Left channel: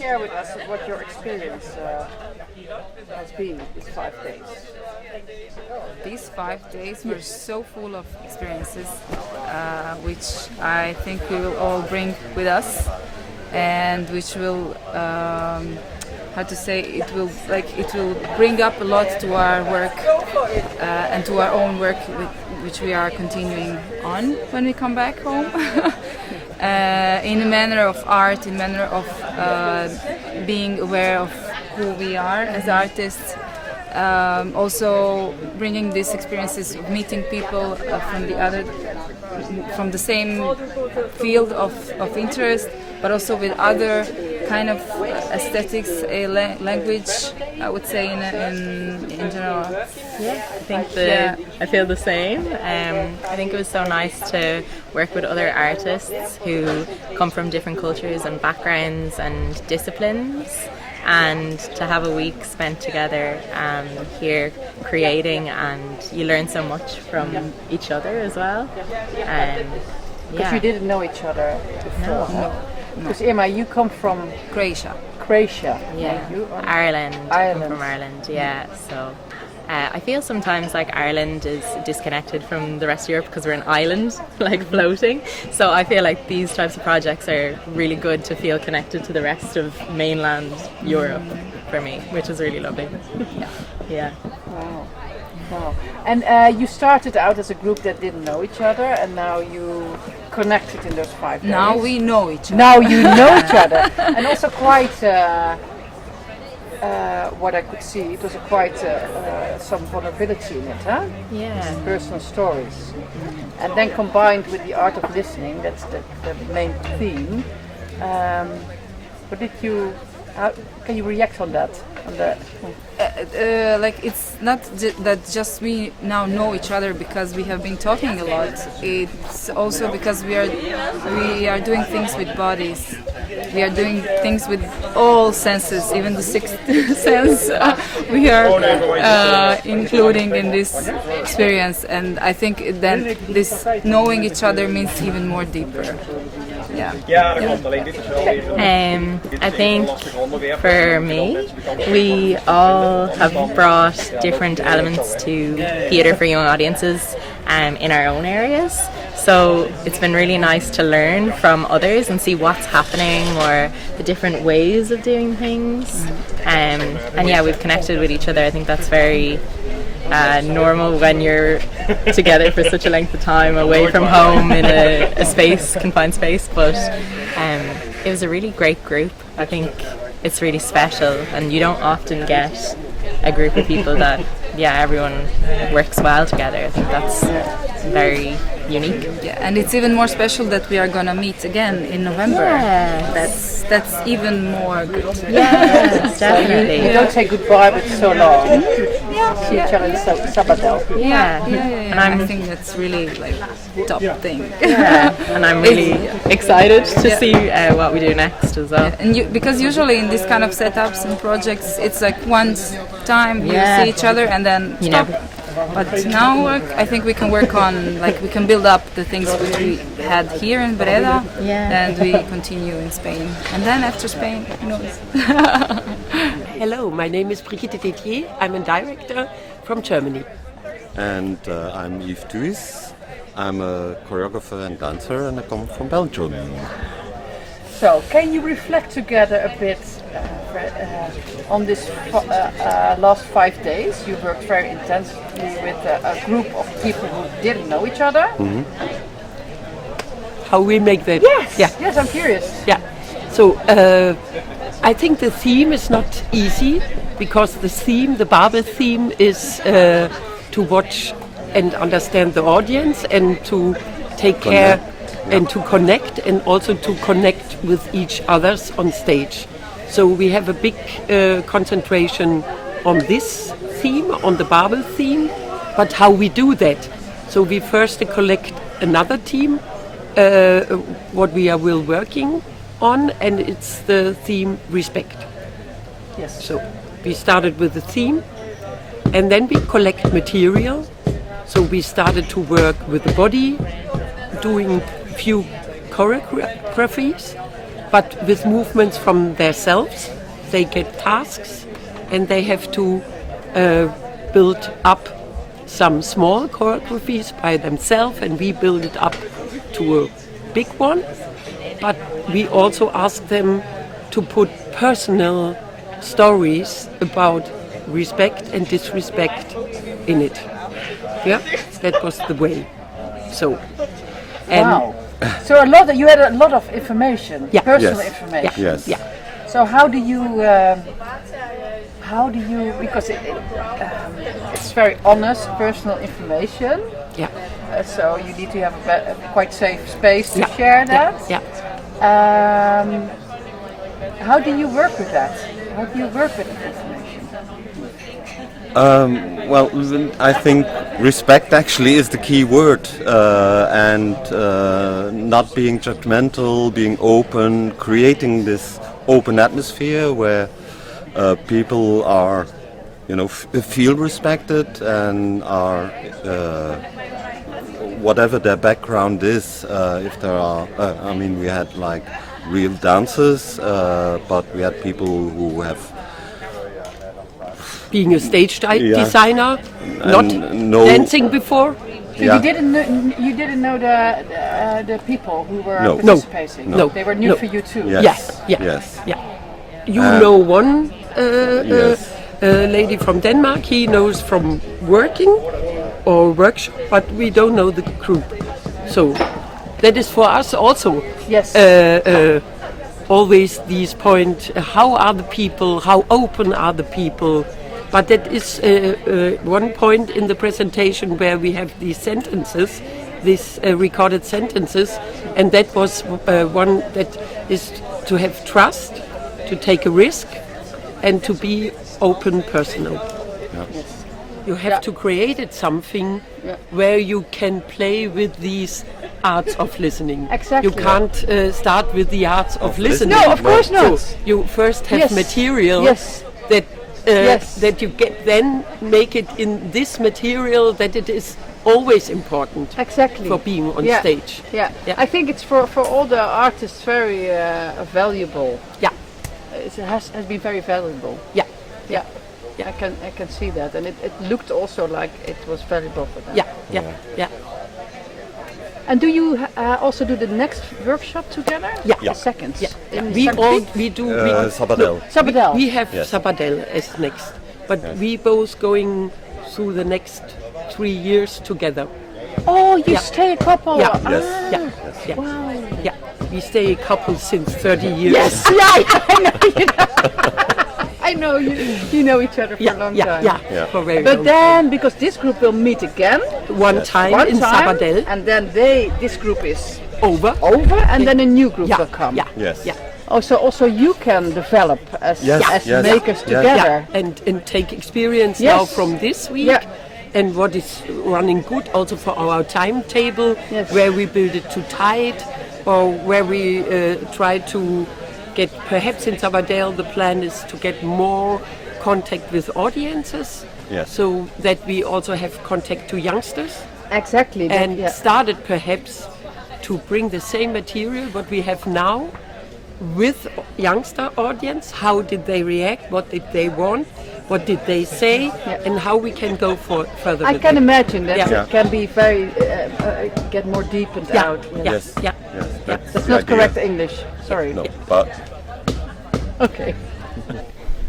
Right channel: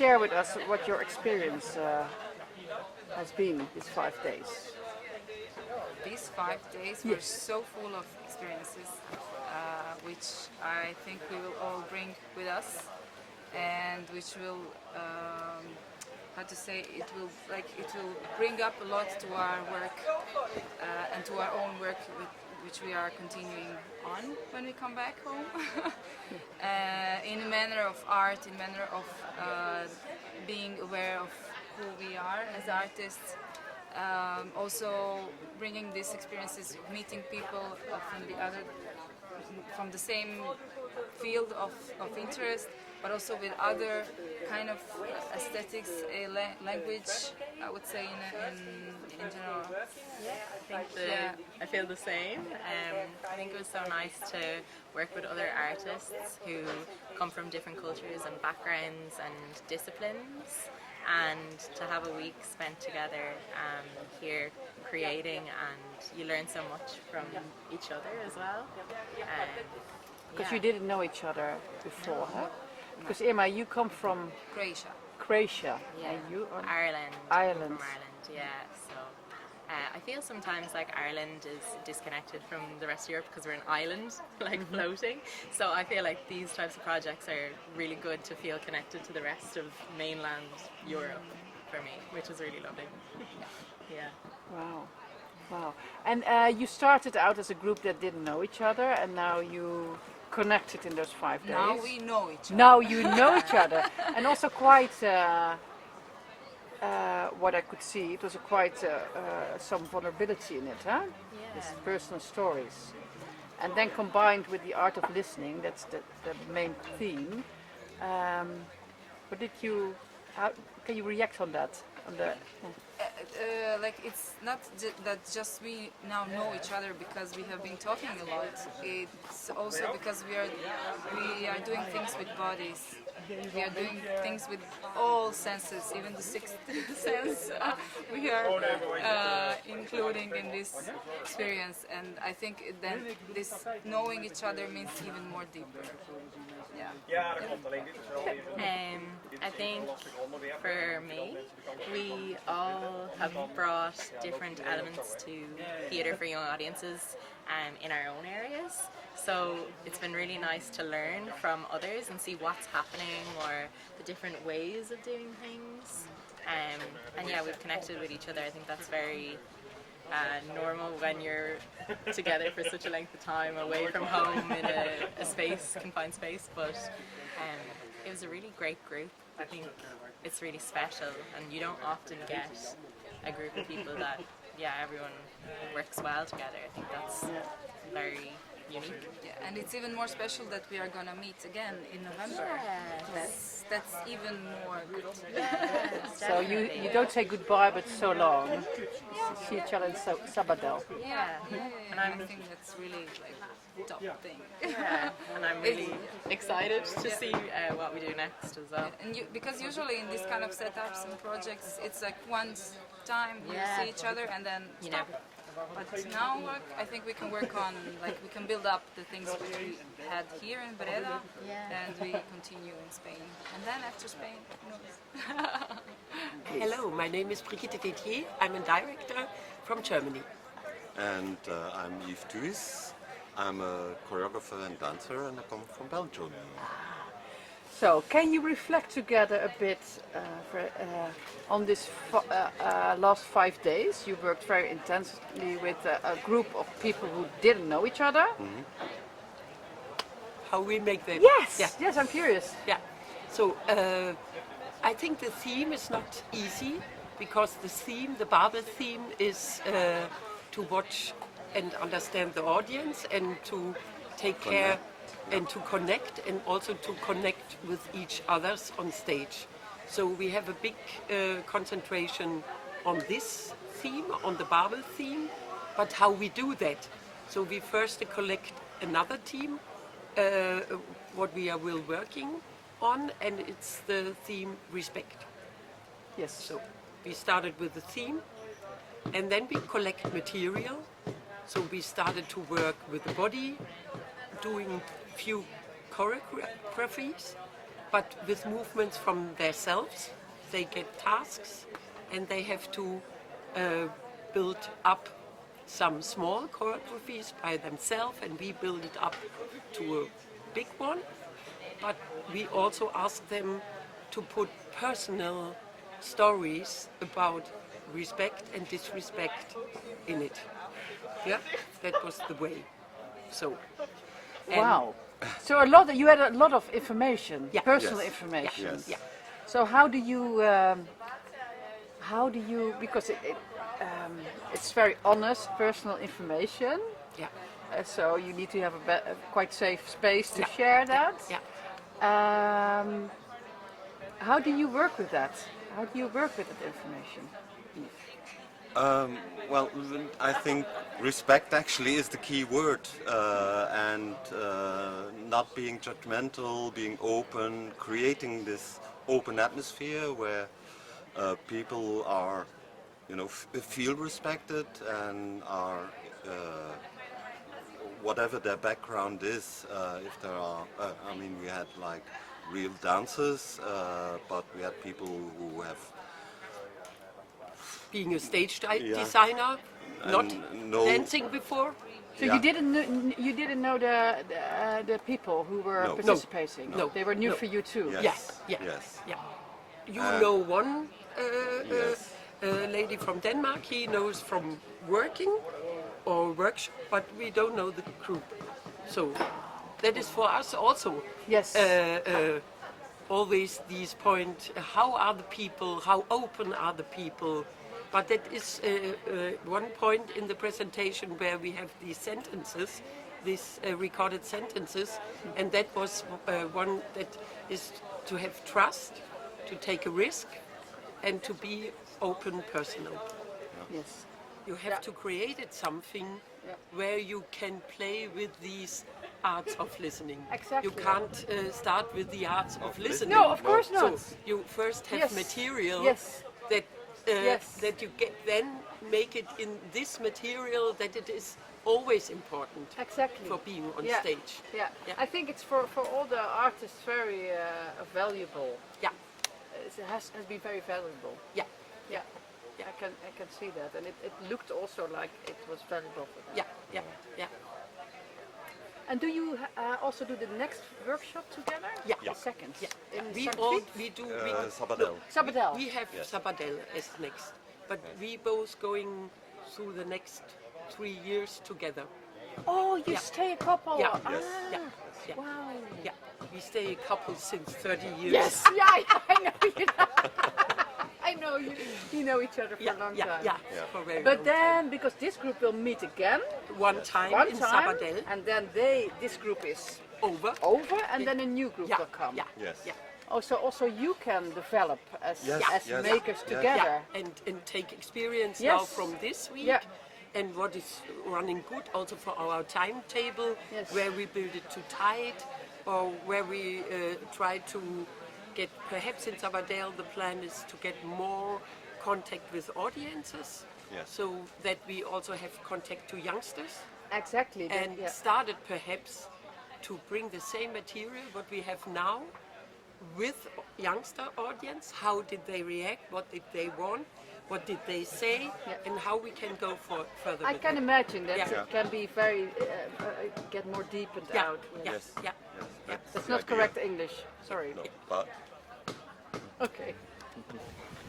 share with us what your experience has been these 5 days? These 5 days were so full of experiences, which I think we will all bring with us, and which will, it will bring up a lot to our work and to our own work, which we are continuing on when we come back home, in a manner of art, in a manner of being aware of who we are as artists. Also bringing these experiences of meeting people from the same field of interest, but also with other kind of aesthetics, language, I would say in general. Yeah, I feel the same. I think it was so nice to work with other artists who come from different cultures and backgrounds and disciplines, and to have a week spent together here creating, and you learn so much from each other as well. Because you didn't know each other before. No. Because Irma, you come from Croatia. Yeah, Ireland. I come from Ireland, yeah. So I feel sometimes like Ireland is disconnected from the rest of Europe because we're an island, like floating. So I feel like these types of projects are really good to feel connected to the rest of mainland Europe for me, which is really lovely. Yeah. Wow. And you started out as a group that didn't know each other, and now you connected in those 5 days. Now we know each other. Now you know each other. And also quite, what I could see, it was quite some vulnerability in it, huh? Yeah. Personal stories. And then combined with the art of listening, that's the main theme. Can you react on that? It's not that just we now know each other because we have been talking a lot. It's also because we are doing things with bodies. We are doing things with all senses, even the sixth sense we are including in this experience. And I think then this knowing each other means even more deeper. I think for me, we all have brought different elements to theatre for young audiences in our own areas. So it's been really nice to learn from others and see what's happening or the different ways of doing things. And yeah, we've connected with each other. I think that's very normal when you're together for such a length of time away from home in a confined space, but it was a really great group. I think it's really special, and you don't often get a group of people that everyone works well together. I think that's very unique. Yeah, and it's even more special that we are gonna meet again in November. Yes. That's even more good. Yes, definitely. You don't say goodbye, but so long. See each other in Sabadell. Yeah. And I think that's really like top thing. Yeah. And I'm really excited to see what we do next as well. And because usually in these kind of setups and projects, it's like once time you see each other and then stop. But now I think we can work on, we can build up the things which we had here in Breda, and we continue in Spain. And then after Spain, who knows? Hello, my name is Brigitte Détier. I'm a director from Germany. And I'm Yves Thuis. I'm a choreographer and dancer, and I come from Belgium. So, can you reflect together a bit on this last 5 days? You worked very intensively with a group of people who didn't know each other. Mm-hmm. How we make that? Yes, I'm curious. Yeah. So, I think the theme is not easy, because the BABEL theme is to watch and understand the audience and to take care and to connect, and also to connect with each others on stage. So we have a big concentration on this theme, on the BABEL theme, but how we do that. So we first collect another team, what we will working on, and it's the theme respect. Yes. So we started with the theme, and then we collect material. So we started to work with the body, doing few choreographies, but with movements from themselves. They get tasks and they have to build up some small choreographies by themselves, and we build it up to a big one. But we also ask them to put personal stories about respect and disrespect in it. Yeah, that was the way. So, and Wow. So you had a lot of information, Yeah. personal Yes. information. Yes. yeah, So how do you because it's very honest personal information. yeah, So you need to have a quite safe space to Yeah. share that. yeah. How do you work with that? How do you work with that information? Well, I think respect actually is the key word, and not being judgmental, being open, creating this open atmosphere where people are, feel respected and are, whatever their background is. If there are, we had like real dancers, but we had people who have Being a stage Yeah. designer, not no- dancing before. So Yeah. you didn't know the people who were No. participating. No. They were new No. for you too. Yes. Yes, yeah, Yes. yeah. You know one Yes. lady from Denmark. He knows from working or workshop, but we don't know the group. So that is for us also. Yes. Always these point. How are the people? How open are the people? But that is one point in the presentation where we have these sentences, these recorded sentences, and that was one that is to have trust, to take a risk, and to be open, personal. Yes. You have Yeah. to create something Yeah. where you can play with these arts of listening. Exactly. You can't start with the arts of listening. No, of course not. So you first have Yes. material Yes. that Yes. that you get, then make it in this material that it is always important Exactly. for being on Yeah. stage. Yeah. Yeah. I think it's for all the artists very valuable. Yeah, It has been very valuable. yeah, Yeah. Yeah. I can see that, and it looked also like it was valuable for them. yeah, yeah, yeah. And do you also do the next workshop together? Yeah. The second. Yeah. In We St. all Piet? we do. Sabadell. Sabadell. We have Yes. Sabadell as next, but Yes. we both going through the next 3 years together. Oh, you Yeah. stay a couple. Yeah. Ah, Yes. Yeah, yeah, Wow. yeah. We stay a couple since 30 years. Yes. Yeah. I know. I know you know each other for Yeah, a long yeah, time. yeah, Yeah. for very But long then, because this group will meet again one time one in time, Sabadell, and then this group is over. over, and then a new group Yeah, will come. yeah, Yes. yeah, Oh, so also you can develop as Yes, as yes, makers yes. together. yeah, and take experience Yes. now from this week. Yeah. And what is running good also for our timetable, Yes. where we build it too tight, or where we try to get, perhaps in Sabadell the plan is to get more contact with audiences, Yes. so that we also have contact to youngsters, Exactly. and yeah. started perhaps to bring the same material what we have now with youngster audience. How did they react? What did they want? What did they say? Yeah. And how we can go further I with can it. imagine that Yeah. it can be very get more deepened Yeah, out. yeah, Yes. yeah. Yes. That's the not idea. correct English. Sorry. No, but Okay.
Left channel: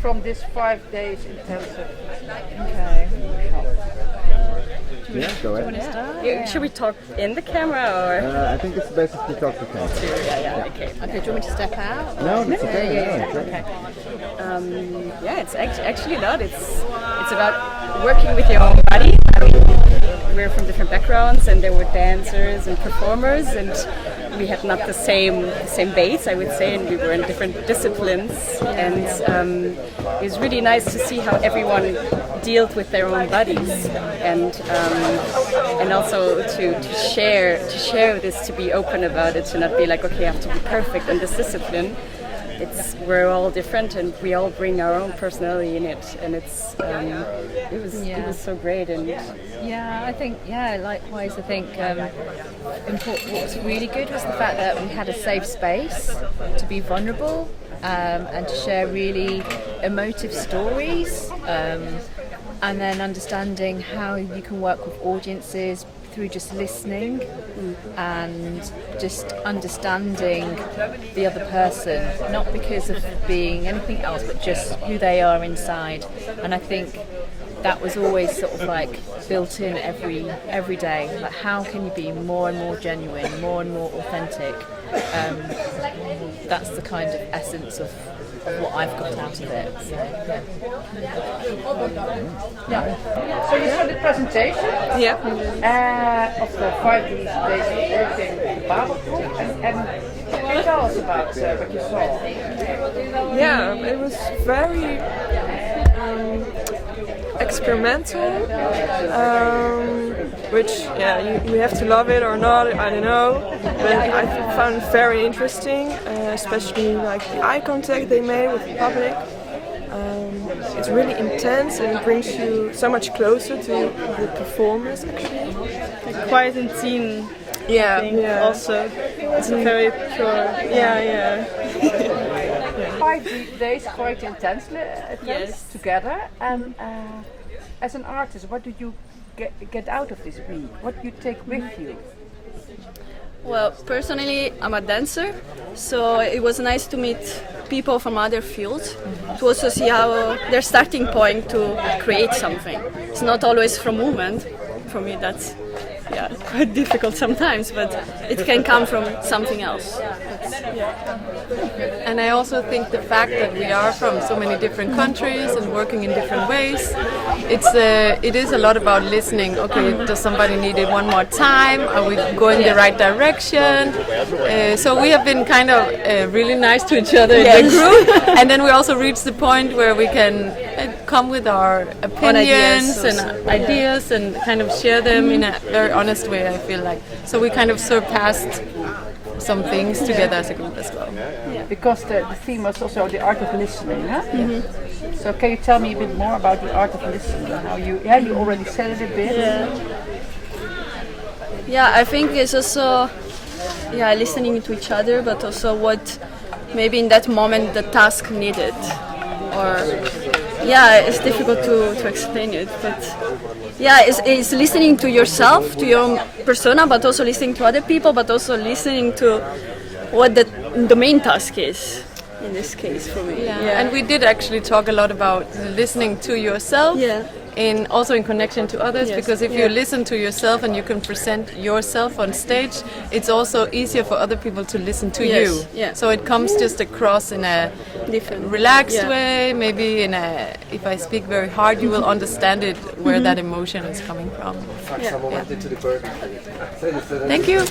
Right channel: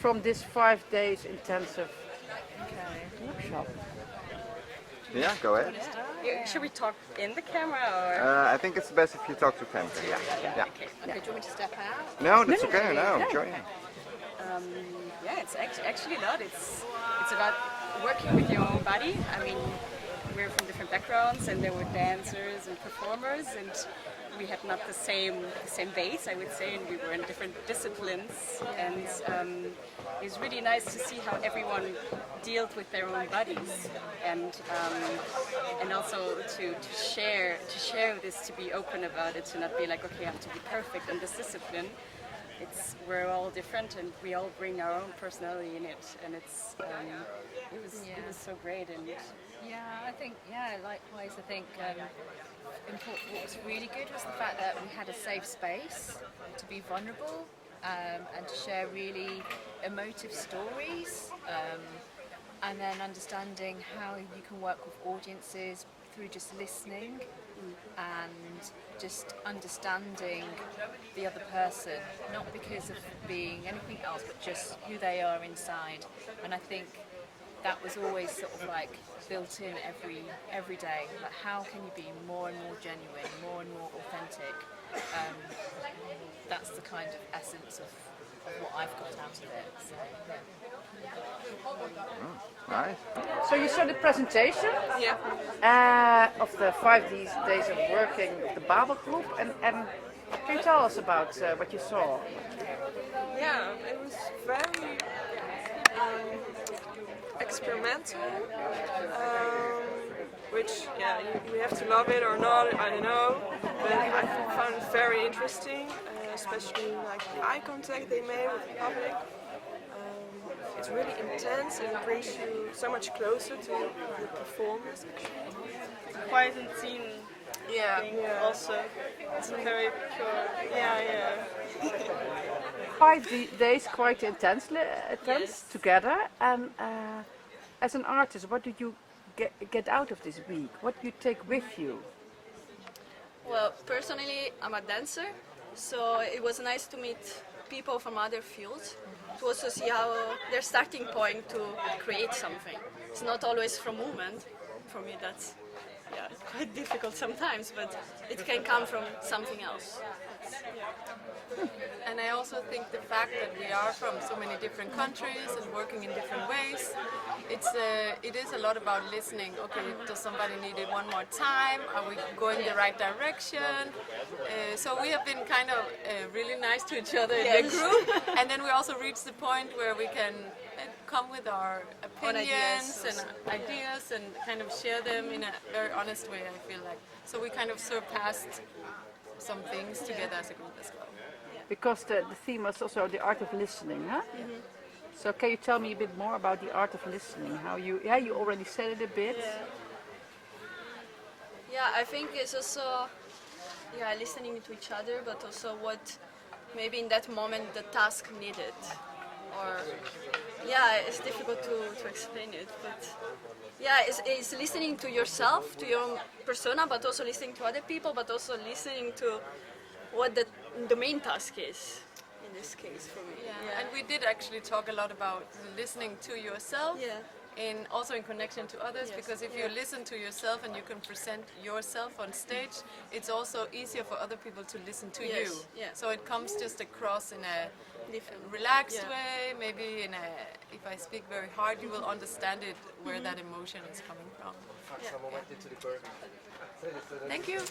From this 5 days intensive. Yeah, go ahead. Should we talk in the camera or? I think it's best if you talk to Ken. Okay. Okay, do you want me to step out? No, that's okay. No, sure. Yeah, it's actually a lot. It's about working with your own body. I mean, we're from different backgrounds, and there were dancers and performers, and we had not the same base, I would say, and we were in different disciplines. And it was really nice to see how everyone dealt with their own bodies, and also to share this, to be open about it, to not be like, okay, I have to be perfect in this discipline. we're all different and we all bring our own personality in it, and it was so great. And yeah, I think likewise. I think what was really good was the fact that we had a safe space to be vulnerable and to share really emotive stories, and then understanding how you can work with audiences through just listening and just understanding the other person, not because of being anything else, but just who they are inside. And I think that was always sort of like built in every day. Like, how can you be more and more genuine, more and more authentic? That's the kind of essence of what I've got out of it. So, Nice. So you saw the presentation of the 5 days of working with the BABEL group, and can you tell us about what you saw? Yeah, it was very experimental, which you have to love it or not, I don't know, but I found it very interesting, especially like the eye contact they made with the public. It's really intense and it brings you so much closer to the performers actually. like quiet and teen thing also. It's very pure. Yeah. 5 days quite intensely Yes. together, and as an artist, what did you get out of this week? What do you take with you? Well, personally, I'm a dancer, so it was nice to meet people from other fields to also see how their starting point to create something. It's not always from movement. For me, that's quite difficult sometimes, but it can come from something else. And I also think the fact that we are from so many different countries and working in different ways, it is a lot about listening. Okay, does somebody need it one more time? Are we going the right direction? So we have been kind of really nice to each other in the group, and then we also reached the point where we can come with our opinions and ideas and kind of share them in a very honest way, I feel like. So we kind of surpassed some things together as a group as well. Because the theme was also the art of listening, huh? So can you tell me a bit more about the art of listening? How you already said it a bit. Yeah, I think it's also listening to each other, but also what maybe in that moment the task needed. Or it's difficult to explain it, but it's listening to yourself, to your own persona, but also listening to other people, but also listening to what the main task is in this case for me. And we did actually talk a lot about listening to yourself. Also in connection to others, because if you listen to yourself and you can present yourself on stage, it's also easier for other people to listen to you. So it comes just across in a different, relaxed way. Maybe if I speak very hard, you will understand it where that emotion is coming from. Thank you.